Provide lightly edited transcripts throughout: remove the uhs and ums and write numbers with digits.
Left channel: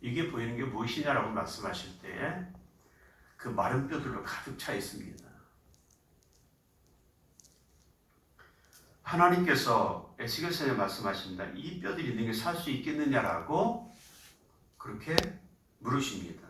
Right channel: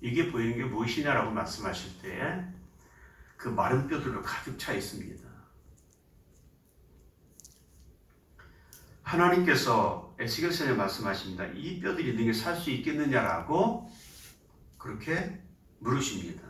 이게 보이는 게 무엇이냐라고 말씀하실 때 그 마른 뼈들로 가득 차 있습니다. 하나님께서 에스겔서에 말씀하십니다. 이 뼈들이 너에게 살 수 있겠느냐라고 그렇게 물으십니다.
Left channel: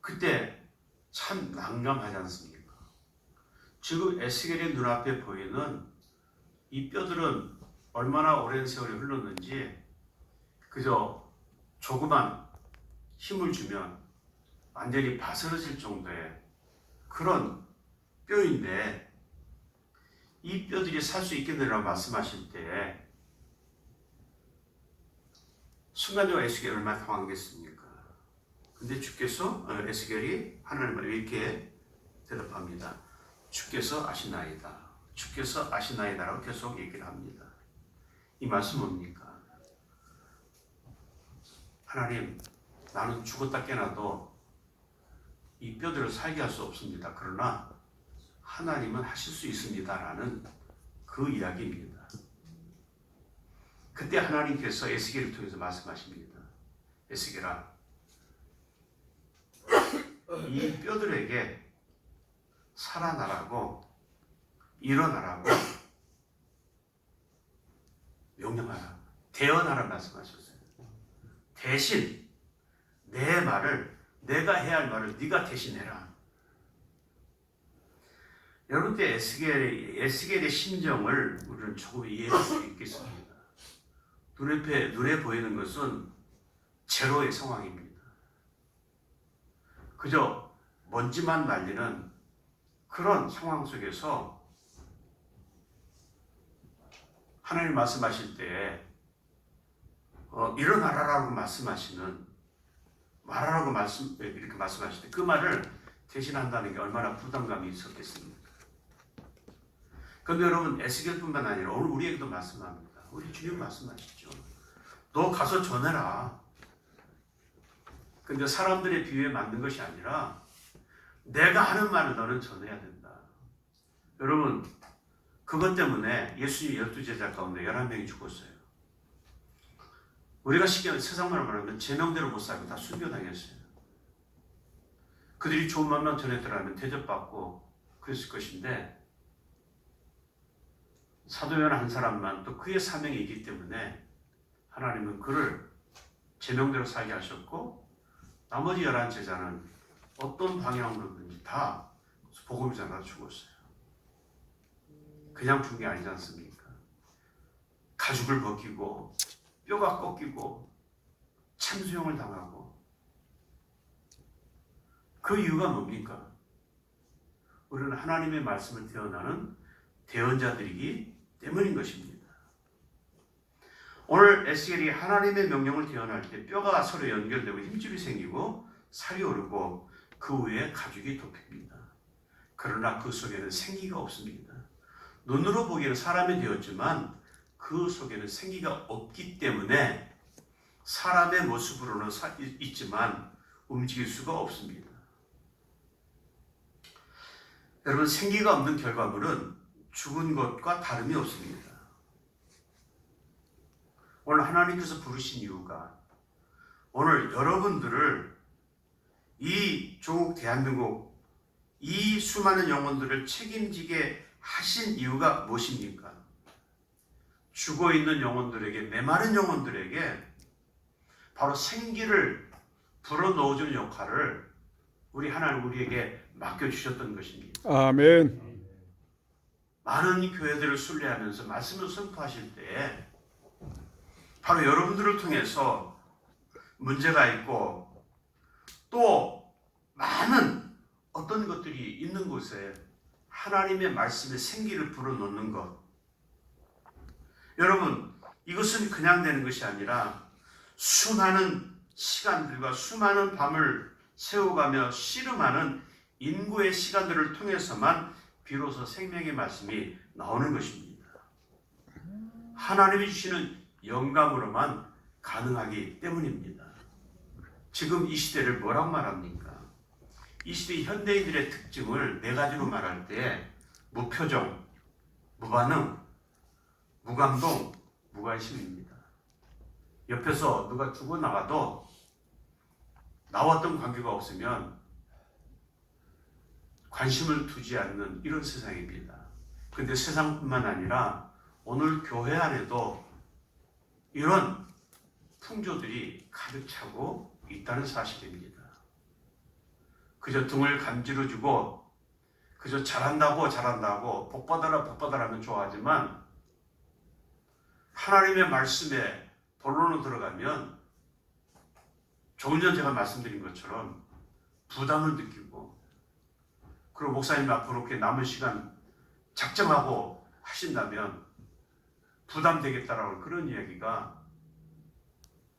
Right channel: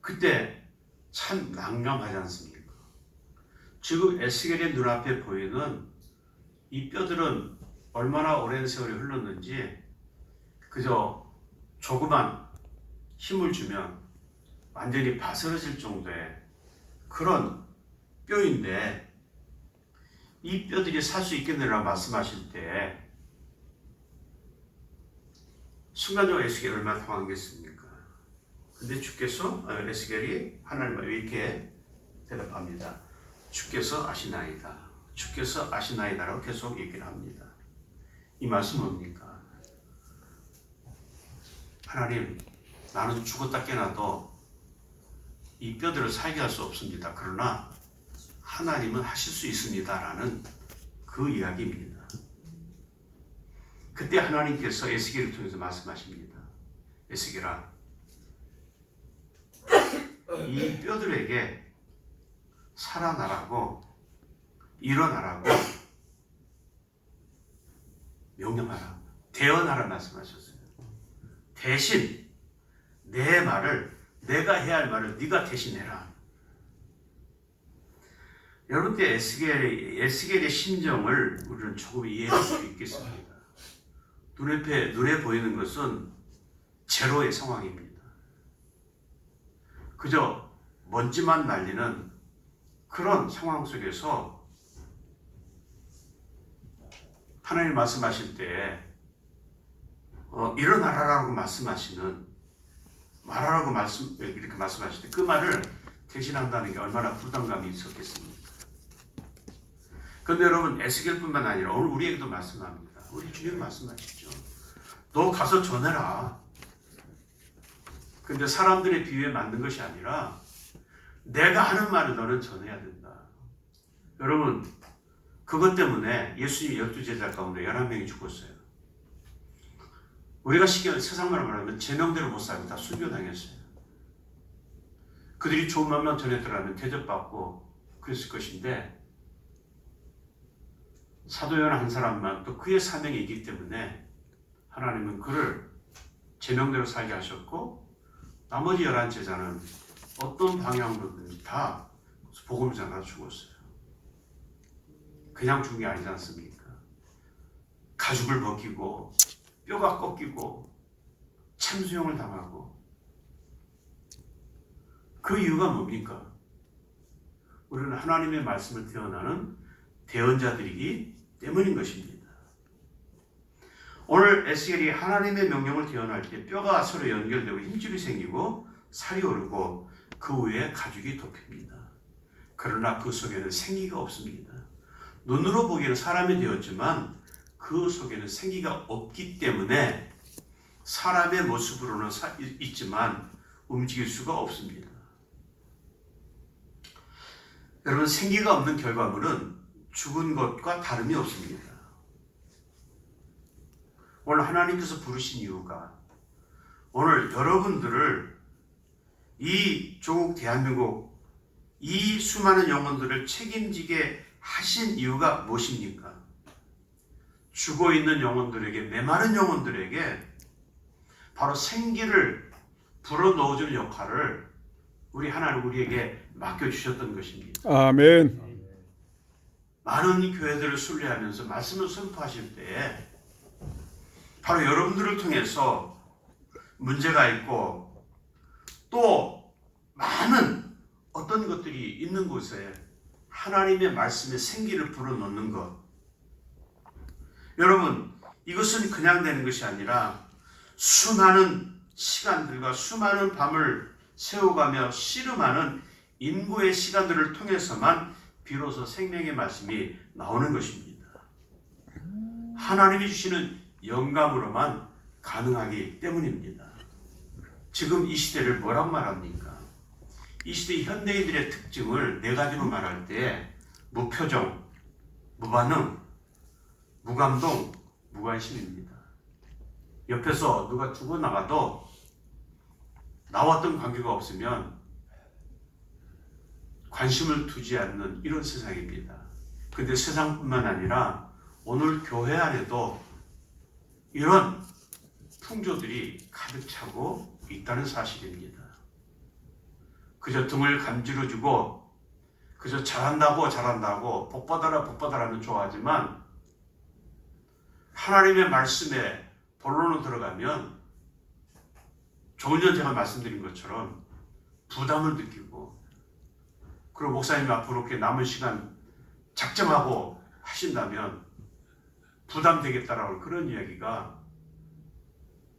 그때 참 난감하지 않습니까? 지금 에스겔의 눈앞에 보이는 이 뼈들은 얼마나 오랜 세월이 흘렀는지 그저 조그만 힘을 주면 완전히 바스러질 정도의 그런 뼈인데 이 뼈들이 살 수 있겠느냐 말씀하실 때 순간적으로 에스겔이 얼마나 당황했겠습니까? 근데 주께서 에스겔이 하나님을 이렇게 대답합니다. 주께서 아시나이다. 주께서 아시나이다라고 계속 얘기를 합니다. 이 말씀 뭡니까? 하나님, 나는 죽었다 깨나도 이 뼈들을 살게 할 수 없습니다. 그러나 하나님은 하실 수 있습니다라는 그 이야기입니다. 그때 하나님께서 에스겔을 통해서 말씀하십니다. 에스겔아, 이 뼈들에게 살아나라고 일어나라고 명령하라. 대언하라 말씀하셨어요. 대신 내 말을 내가 해야 할 말을 네가 대신해라. 여러분께 에스겔의 심정을 우리는 조금 이해할 수 있겠습니다. 눈에 보이는 것은 제로의 상황입니다. 그저 먼지만 날리는 그런 상황 속에서 하나님 말씀하실 때 일어나라라고 말하라고 이렇게 말씀하실 때 그 말을 대신한다는 게 얼마나 부담감이 있었겠습니까? 그런데 여러분 에스겔뿐만 아니라 오늘 우리에게도 말씀합니다. 우리 주님 말씀하시죠. 너 가서 전해라. 근데 사람들의 비유에 맞는 것이 아니라 내가 하는 말을 너는 전해야 된다. 여러분 그것 때문에 예수님 12제자 가운데 11명이 죽었어요. 우리가 세상말로 말하면 제명대로 못 살고 다 순교당했어요. 그들이 좋은 말만 전해들어가면 대접받고 그랬을 것인데 사도 요한 한 사람만 또 그의 사명이 있기 때문에 하나님은 그를 제명대로 살게 하셨고 나머지 11제자는 어떤 방향으로든지 다 복음을 전하러 죽었어요. 그냥 죽은 게 아니지 않습니까? 가죽을 벗기고 뼈가 꺾이고 참수형을 당하고 그 이유가 뭡니까? 우리는 하나님의 말씀을 대언하는 대언자들이기 때문인 것입니다. 오늘 에스겔이 하나님의 명령을 대언할 때 뼈가 서로 연결되고 힘줄이 생기고 살이 오르고 그 위에 가죽이 덮입니다. 그러나 그 속에는 생기가 없습니다. 눈으로 보기에는 사람이 되었지만 그 속에는 생기가 없기 때문에 사람의 모습으로는 있지만 움직일 수가 없습니다. 여러분 생기가 없는 결과물은 죽은 것과 다름이 없습니다. 오늘 하나님께서 부르신 이유가 오늘 여러분들을 이 조국 대한민국 이 수많은 영혼들을 책임지게 하신 이유가 무엇입니까? 죽어있는 영혼들에게 메마른 영혼들에게 바로 생기를 불어넣어주는 역할을 우리 하나님 우리에게 맡겨주셨던 것입니다. 아멘. 많은 교회들을 순례하면서 말씀을 선포하실 때 바로 여러분들을 통해서 문제가 있고 또 많은 어떤 것들이 있는 곳에 하나님의 말씀에 생기를 불어넣는 것. 여러분 이것은 그냥 되는 것이 아니라 수많은 시간들과 수많은 밤을 세워가며 씨름하는 인고의 시간들을 통해서만 비로소 생명의 말씀이 나오는 것입니다. 하나님이 주시는 영감으로만 가능하기 때문입니다. 지금 이 시대를 뭐라고 말합니까? 이 시대 현대인들의 특징을 네 가지로 말할 때 무표정, 무반응, 무감동, 무관심입니다. 옆에서 누가 죽어나가도 나와 어떤 관계가 없으면 관심을 두지 않는 이런 세상입니다. 그런데 세상뿐만 아니라 오늘 교회 안에도 이런 풍조들이 가득 차고 있다는 사실입니다. 그저 등을 간지러주고 그저 잘한다고 복받아라 하면 좋아하지만 하나님의 말씀에 본론으로 들어가면 조금 전 제가 말씀드린 것처럼 부담을 느끼고 그리고 목사님 앞으로 이렇게 남은 시간 작정하고 하신다면 부담되겠다라고 그런 이야기가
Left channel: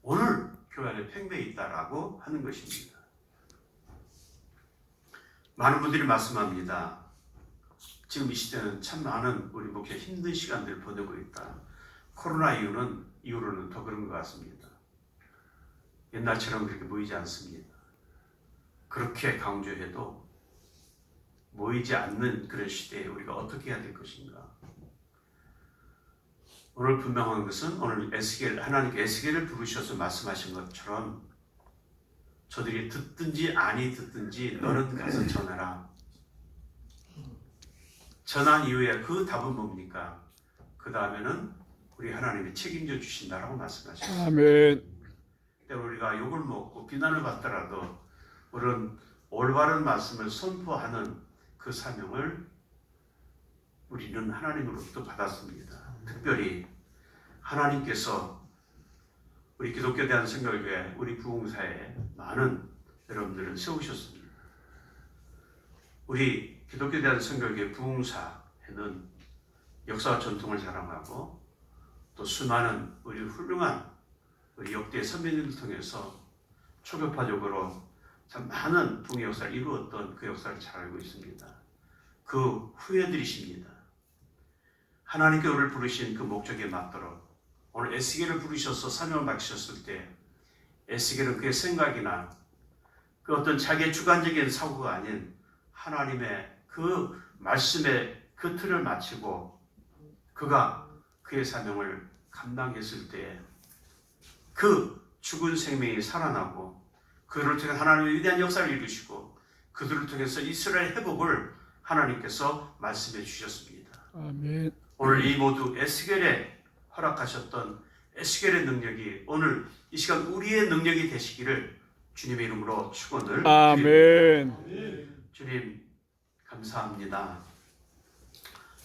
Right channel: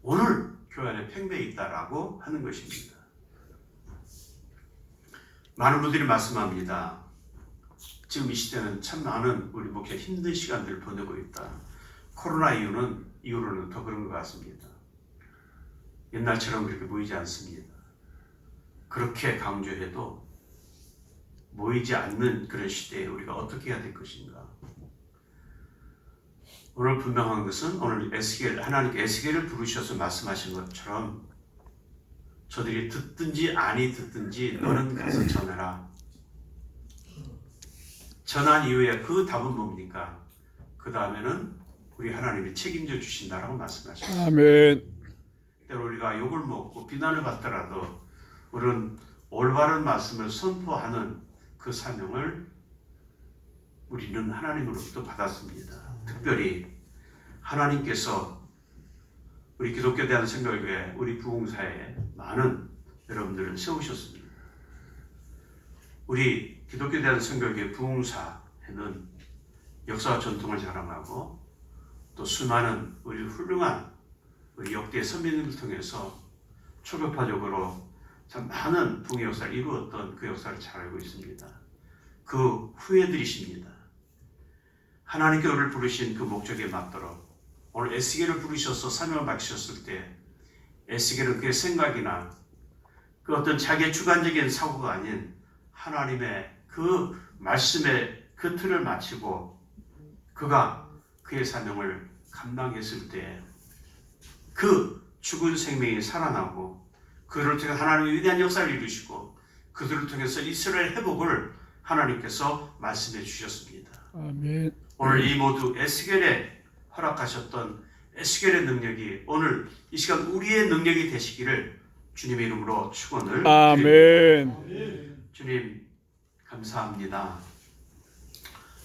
오늘 교회 안에 팽배해 있다라고 하는 것입니다. 많은 분들이 말씀합니다. 지금 이 시대는 참 많은 우리 목회 힘든 시간들을 보내고 있다. 코로나 이후로는 더 그런 것 같습니다. 옛날처럼 그렇게 모이지 않습니다. 그렇게 강조해도 모이지 않는 그런 시대에 우리가 어떻게 해야 될 것인가. 오늘 분명한 것은 오늘 하나님께 에스겔을 부르셔서 말씀하신 것처럼 저들이 듣든지 아니 듣든지 너는 가서 전해라. 전한 이후에 그 답은 뭡니까? 그 다음에는 우리 하나님이 책임져 주신다라고 말씀하셨습니다. 아멘. 때로 우리가 욕을 먹고 비난을 받더라도 우리는 올바른 말씀을 선포하는 그 사명을 우리는 하나님으로부터 받았습니다. 특별히 하나님께서 우리 기독교 대한성결교회 우리 부흥사에 많은 여러분들을 세우셨습니다. 우리 기독교 대한성결교회 부흥사에는 역사와 전통을 자랑하고 또 수많은 우리 훌륭한 우리 역대 선배님을 통해서 초격파적으로 참 많은 부흥의 역사를 이루었던 그 역사를 잘 알고 있습니다. 그 후예들이십니다. 하나님께 우리를 부르신 그 목적에 맞도록 오늘 에스겔을 부르셔서 사명을 맡기셨을 때 에스겔은 그의 생각이나 그 어떤 자기의 주관적인 사고가 아닌 하나님의 그 말씀의 그 틀을 마치고 그가 그의 사명을 감당했을 때 그 죽은 생명이 살아나고 그들을 통해 하나님의 위대한 역사를 이루시고 그들을 통해서 이스라엘 회복을 하나님께서 말씀해 주셨습니다. 아멘. 오늘 이 모두 에스겔에 허락하셨던 에스겔의 능력이 오늘 이 시간 우리의 능력이 되시기를 주님의 이름으로 축원을 아멘. 드립니다. 주님 감사합니다.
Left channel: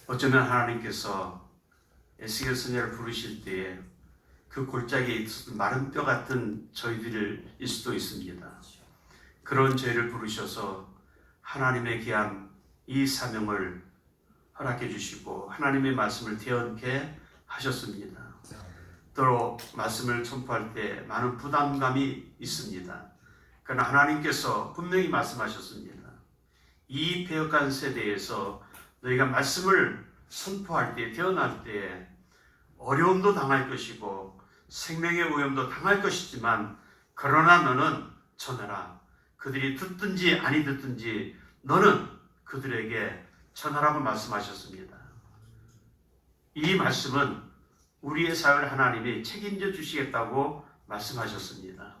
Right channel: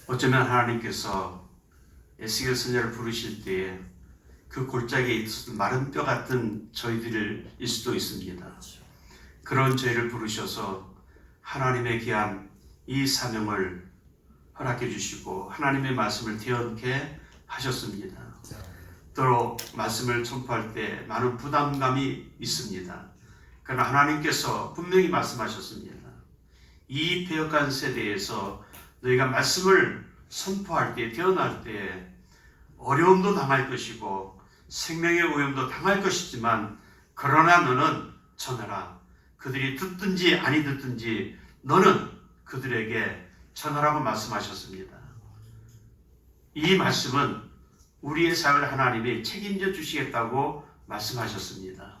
어쩌면 하나님께서 에스겔 선지자를 부르실 때에 그 골짜기에 있었던 마른 뼈 같은 저희들일 수도 있습니다. 그런 저희를 부르셔서 하나님의 귀한 이 사명을 허락해 주시고 하나님의 말씀을 대언케 하셨습니다. 또 말씀을 선포할 때 많은 부담감이 있습니다. 그러나 하나님께서 분명히 말씀하셨습니다. 이 배역한 세대에서 너희가 말씀을 선포할 때, 대언할 때 어려움도 당할 것이고 생명의 오염도 당할 것이지만 그러나 너는 전하라. 그들이 듣든지 아니 듣든지 너는 그들에게 전하라고 말씀하셨습니다. 이 말씀은 우리의 삶을 하나님이 책임져 주시겠다고 말씀하셨습니다.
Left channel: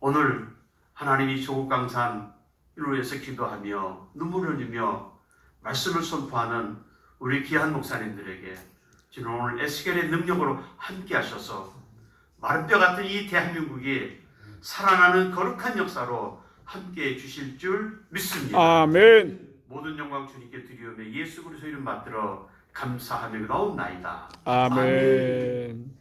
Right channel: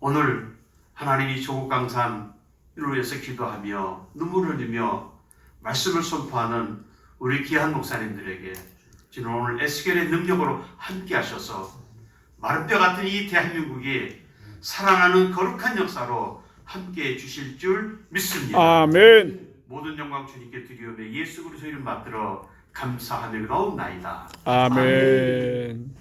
오늘 하나님이 조국강산을 위해서 기도하며 눈물을 흘리며 말씀을 선포하는 우리 귀한 목사님들에게 지금 오늘 에스겔의 능력으로 함께 하셔서 마른 뼈 같은 이 대한민국이 살아나는 거룩한 역사로 함께 해 주실 줄 믿습니다. 아멘. 모든 영광 주님께 드리오며 예수 그리스도 이름 받들어 감사하며 나옵나이다. 아멘.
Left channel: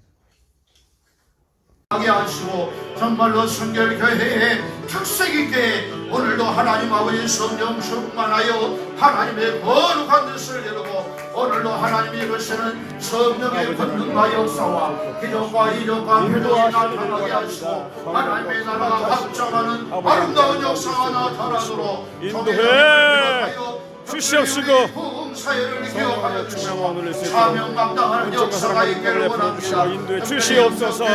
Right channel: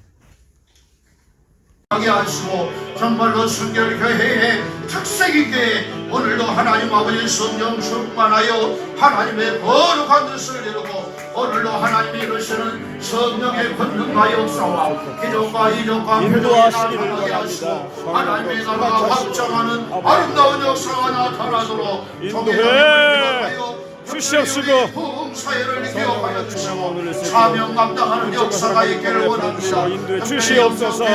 하게 하시고 정말로 순결교회의 특색이기에 오늘도 하나님 아버지 성령 충만하여 하나님의 거룩한 뜻을 이루고 오늘도 하나님이 이루시는 성령의 권능과 역사와 기적과 이적과 인도하시기를 표적이 원합니다. 하나님의 성령으로 나라가 확장하는 아름다운 역사가 나타나도록 인도해 주시옵시고 성령으로 성령으로 주명 오늘을 사명 감당하는 온전과 역사가 사랑하는 있기를 가문에 원합니다. 부어주시고 인도해 주시옵소서.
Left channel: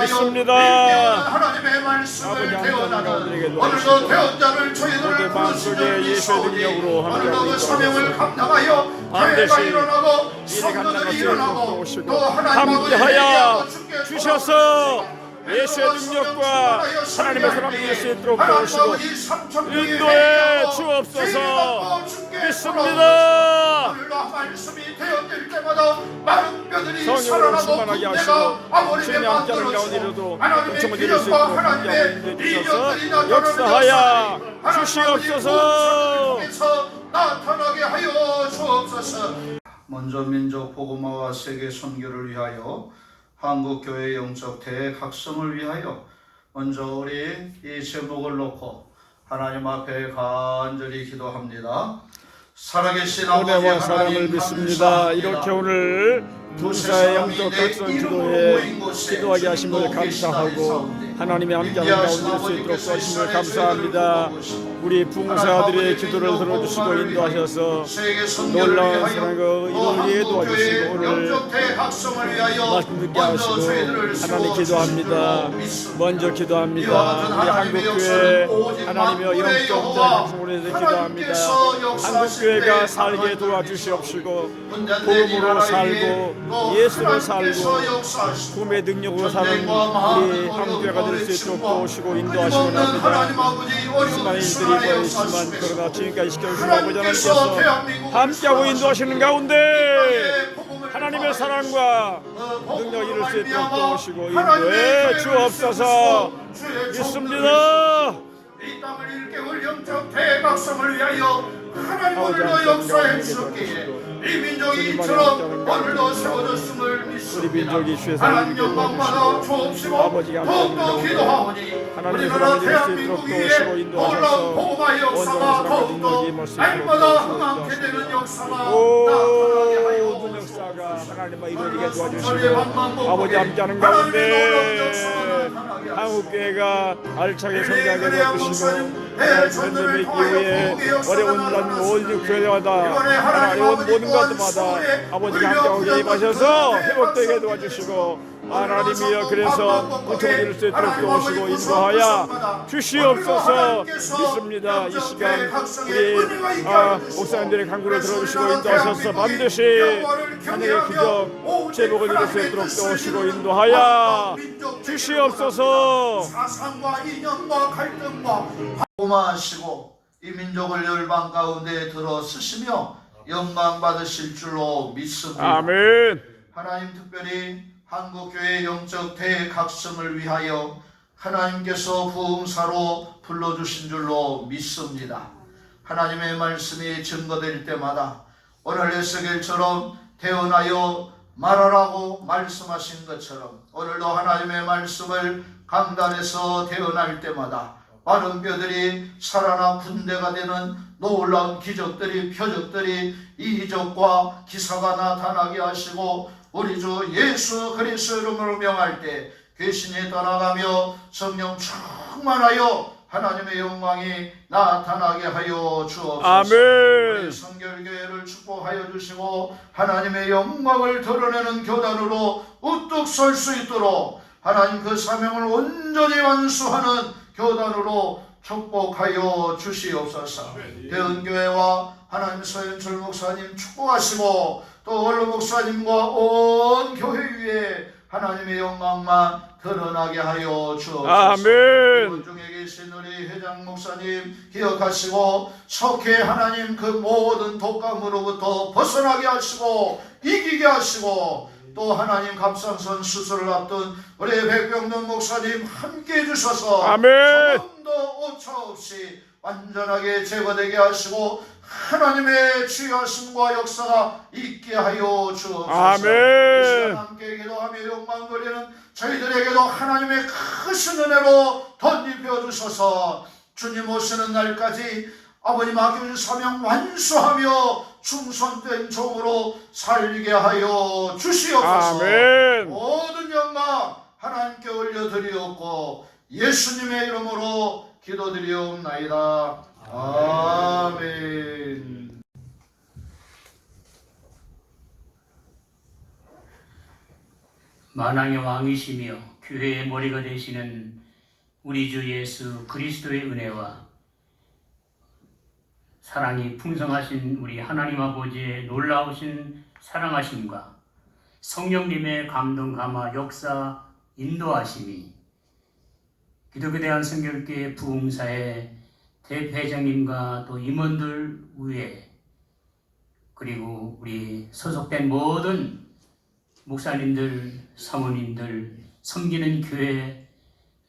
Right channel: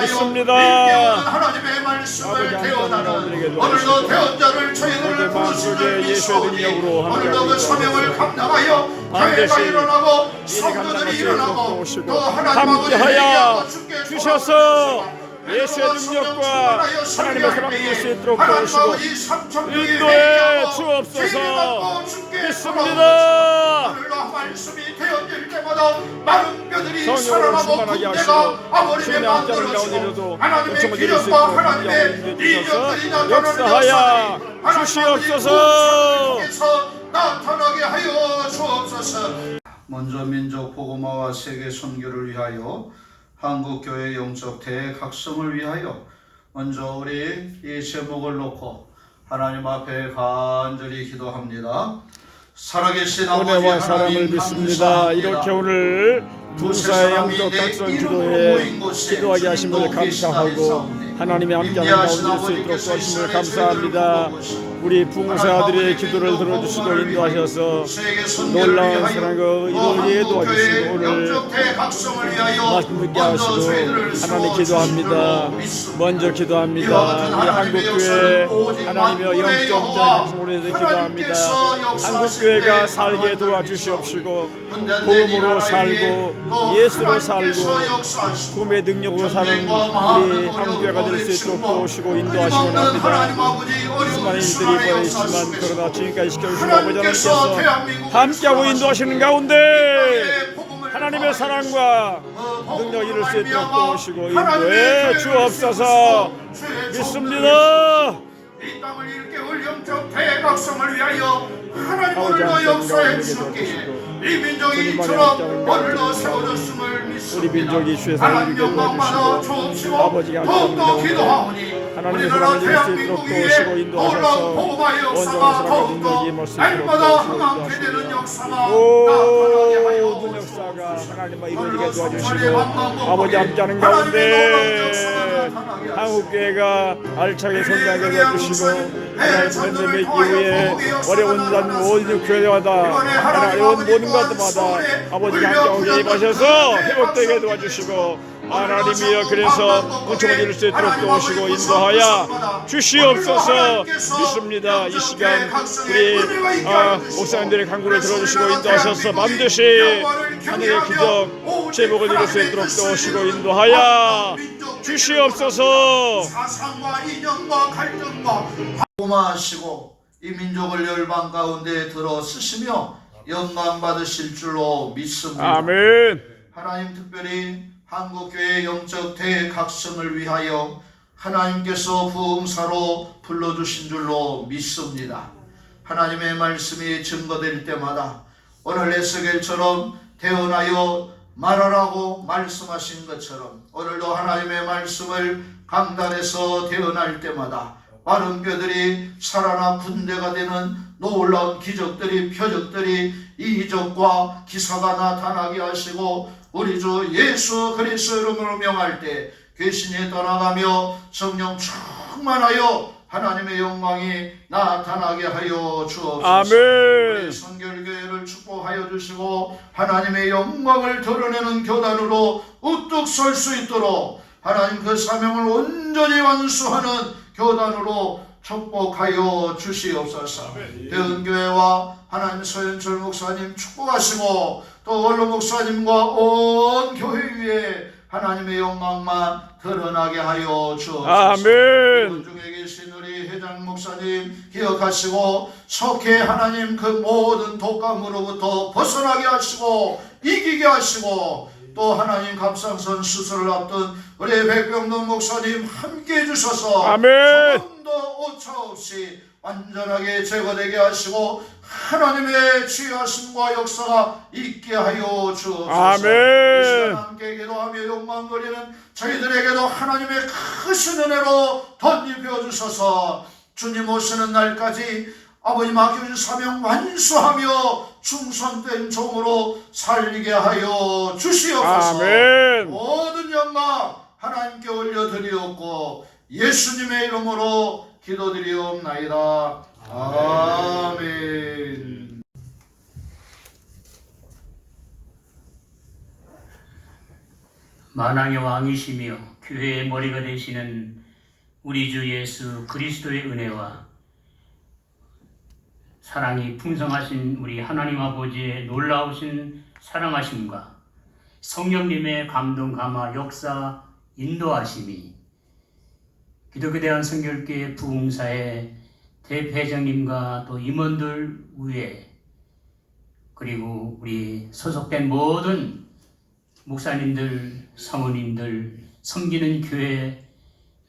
믿습니다. 하나님의 말씀을 아버지 하나님과 오늘에게 오늘도 대언자를 저희를 모든 마음속에 예수의 능력으로 함께하고 오늘도 그 사명을 있도록 감당하여 반드시 교회가 일어나고 이를 감당할 수 성도들이 있도록 일어나고 도우시고 또 하나님 함께하여 아버지 주셔서 예수의 능력과 하나님의 사랑을 이룰 수 있도록 도우시고 인도해 주옵소서. 믿습니다. 성령으로 충만하게 하시고 주님의 함께하는 가운데로도 은총을 드릴 수 있도록 함께하고 인도해 주셔서 역사하여 주시옵소서. 나타나게 하여 주옵소서. 먼저 민족 복음화와 세계 선교를 위하여 한국교회 영적 대각성을 위하여 먼저 우리 이 제목을 놓고 하나님 앞에 간절히 기도합니다. 살아계신 아버지 은혜와 사랑을 하나님 믿습니다. 감사합니다. 이렇게 오늘 동사의 영적 각성 기도에 기도하게 하심을 감사하고 하나님의 함께하는 가운데 될 수 있도록 도와주심을 감사합니다. 우리 붕사들의 기도를 들어주시고 인도하셔서 놀라운 사랑과 이루어지게 도와주시고 오늘 말씀 듣게 하시고 하나님 기도합니다. 먼저 기도합니다. 우리 한국교회 하나님의 영적 대각성으로 해서 기도합니다. 한국교회가 살게 도와주시옵시고 복음으로 살고 예수로 살고 구원의 능력으로 사는 우리 한국교회가 될 수 있도록 도우시고 인도하시고 합니다. 수많은 일들이 벌어지지만 그러나 지금까지 지켜주신 아버지 하나님께서 함께하고 인도하시는 가운데 하나님의 사랑과 능력 이룰 수 있도록 도우시고 인도해 주옵소서. 믿습니다. 이 땅을 일깨울 영적 대각성을 위하여 하나님 아버지 오늘도 역사해 함께하는 주셨기에 이 민족이 주님만의 이처럼 함께하는 오늘도 가운데 세워졌음을 믿습니다. 우리 민족이 주의 사랑을 하나님 이루게 영광받아 도와주시고 주옵시고 아버지가 함께하는 더욱더 가운데 기도하오니 하나님의 우리나라 사랑을 이룰 수 있도록 대한민국 위에 도우시고 인도하셔서 놀라운 복음화의 온전한 역사가 사랑과 더욱더 능력이 임할 수 있도록 날마다 도우시고 흥하게 되는 인도하시며 역사가 나타나게 하여 모든 역사가 하나님과 이루어지게 도와주시고 아버지 함께하는 가운데 한국교회가 알차게 성장하게 도와주시고 하나님의 기후에 어려운 모든 교회마다 어려운 모든 것마다 아버지가 함께하게 임하셔서 회복되게 도와주시고 하나님이여 그래서 은총을 이룰 수 있도록 도우시고 인도하여 주시옵소서. 믿습니다. 이 시간 우리 목사님들의 간구를 들어주시고 인도하셔서 반드시 하늘의 기적 제복을 이룰 수 있도록 도우시고 인도하여 주시옵소서. 사상과 이념과 갈등과 고마하시고 이 민족을 열방 가운데 들어 쓰시며 영광 받으실 줄로 믿습니다. 아멘. 하나님 특별히 한국교회 영적 대각성을 위하여 하나님께서 부흥사로 불러주신 줄로 믿습니다. 하나님의 말씀이 증거될 때마다 오늘 에스겔처럼 태어나여 말하라고 말씀하신 것처럼 오늘도 하나님의 말씀을 강단에서 태어날 때마다 마른 뼈들이 살아나 군대가 되는 놀라운 기적들이 표적들이 이적과 기사가 나타나게 하시고 우리 주 예수 그리스도 이름으로 명할 때 귀신이 떠나가며 성령 충만하여 하나님의 영광이 나타나게 하여 주옵소서. 아멘. 성결교회를 축복하여 주시고 하나님의 영광을 드러내는 교단으로 우뚝 설 수 있도록 하나님 그 사명을 온전히 완수하는 교단으로 축복하여 주시옵소서. 대은교회와 하나님 소현철 목사님 축복하시고 또 원로 목사님과 온 교회 위에 하나님의 영광만 드러나게 하여 주옵소서. 아멘. 중에 계신 우리 회장 목사님 기억하시고 속해 하나님 그 모든 독감으로부터 벗어나게 하시고 이기게 하시고 또 하나님 갑상선 수술을 앞둔 우리 백병동 목사님 함께 해주셔서 아멘. 조금도 오차 없이 완전하게 제거되게 하시고 하나님의 주의하심과 역사가 있게 하여 주옵소서. 아멘. 이 시간 함께 기도하며 영광 돌리는 저희들에게도 하나님의 크신 은혜로 덧입혀 주셔서 주님 오시는 날까지 아버지 맡겨준 사명 완수하며 충성된 종으로 살리게 하여 주시옵소서. 아멘. 모든 영광 하나님께 올려드리옵고 예수님의 이름으로 기도드리옵나이다. 아멘. 만왕의 왕이시며 교회의 머리가 되시는 우리 주 예수 그리스도의 은혜와 사랑이 풍성하신 우리 하나님 아버지의 놀라우신 사랑하심과 성령님의 감동 감화 역사 인도하심이 기독교 대한성결교회 부흥사의 대회장님과 또 임원들 위에 그리고 우리 소속된 모든 목사님들, 사모님들, 섬기는 교회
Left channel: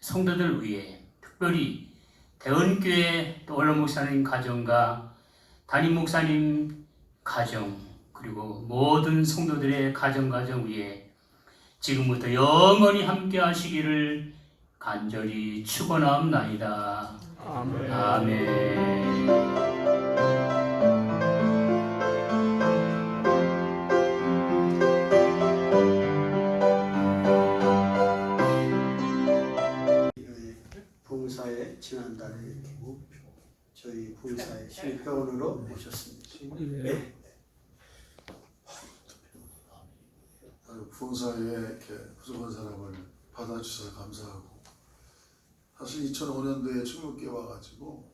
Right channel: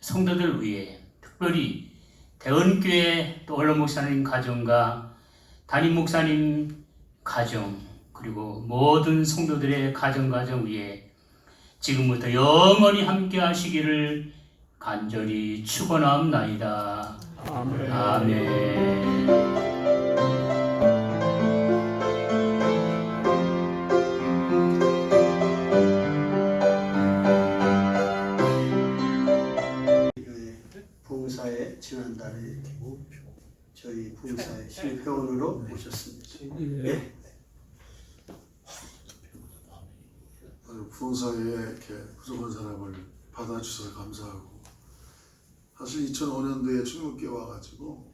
성도들 위해 특별히 대언교회 또 원로 목사님 가정과 담임 목사님 가정 그리고 모든 성도들의 가정 위에 지금부터 영원히 함께 하시기를 간절히 축원하옵나이다. 아멘. 아멘. 부흥사에 지난달에 저희 부흥사의 신회원으로 모셨습니다. 예. 부흥사에 이렇게 부족한 사람을 받아주셔서 감사하고, 사실 2005년도에 중국교회 와가지고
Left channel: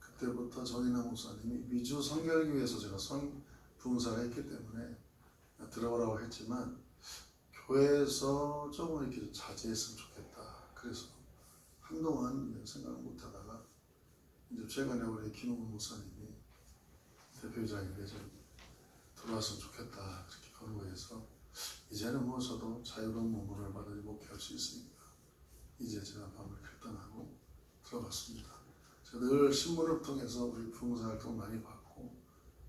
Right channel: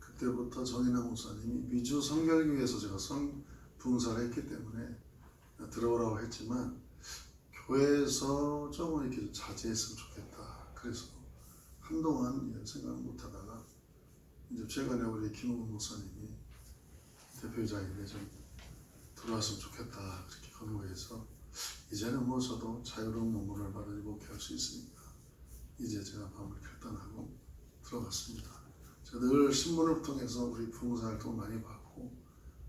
그때부터 정인아 목사님이 미주 성결교회에서 제가 부흥사를 했기 때문에 들어오라고 했지만 교회에서 조금 이렇게 자제했으면 좋겠다. 그래서 한동안 생각 못하다가 이제 최근에 우리 김홍근 목사님이 대표이사인데 좀 들어왔으면 좋겠다 그렇게 권고해서 이제는 뭐 저도 자유로운 몸으로 받아 목회할 수 있으니까 이제 제가 마음을 결단하고 들어갔습니다. 제가 늘 신문을 통해서 우리 부흥사 활동 많이 봤고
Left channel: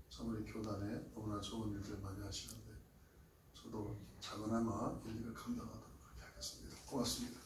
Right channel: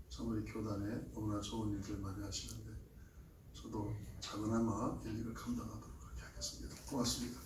참 우리 교단에 너무나 좋은 일들 많이 하시는데 저도 작은아마 일일을 감당하도록 그렇게 하겠습니다. 고맙습니다.